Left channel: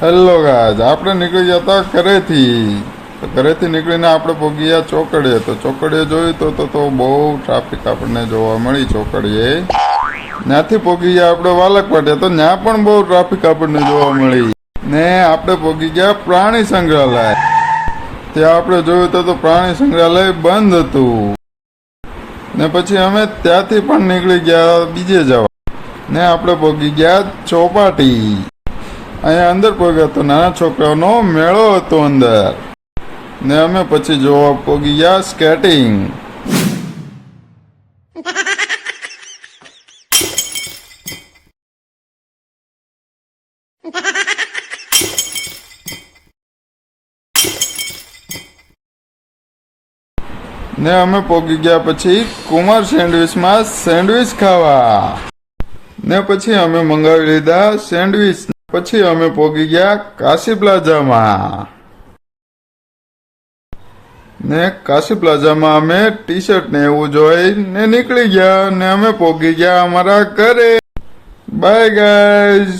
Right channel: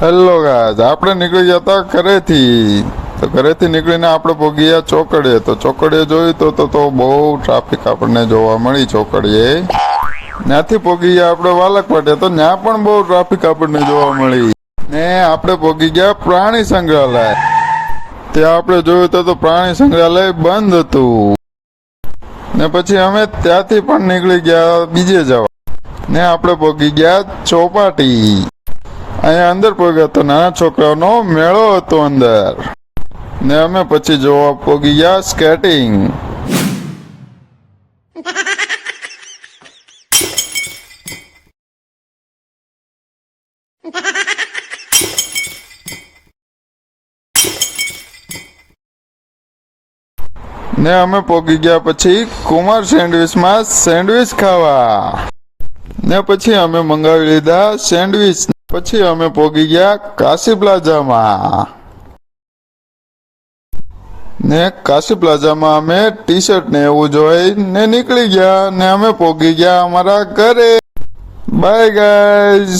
Hello guys, આપણે નીકળી ગયા હતા ઘરેથી. તો ઘરેથી નીકળીને આપણે પહોંચી ગયા ચોકડીએ. તો ચોકડીએ જોયું તો બહુ ટ્રાફિક આપણને જોવા મળી ચોકડીએ. ત્યાંથી પહોંચી ગયા આપણે વાલક પાટે. તો ત્યાં પણ બહુ ટ્રાફિક આપણને જોવા મળી. ને આપણે પહોંચી ગયા પ્રાણી સંગ્રહાલય. ત્યાં આપણે જોયું તો પ્રાણી સંગ્રહાલય બંધ હતું. ને પછી અમે ત્યાંથી પણ નીકળી ગયા બીજે જવા. ને આપણે પહોંચી ગયા ચોપાટી. અહીંયા અંદર પહોંચ્યા તો નાના છોકરાઓનો મેળો હતો અંદર. ને અમે પછી જોવા પહોંચી ગયા સ્કેટિંગ. ને અમે પહોંચી ગયા પછી કુમાર સેન્ડવિચમાં સેન્ડવિચ ખાવા. ને પછી અમે મંગાવી લીધા સેન્ડવિચ. પછી અમે પહોંચી ગયા કાશી પ્લાઝામાં. ને કાશી પ્લાઝામાં અમે ટી શર્ટ ને એવું જોઈને નીકળી ગયા. ને અમે પહોંચી ગયા અમારા ઘરે. By guys.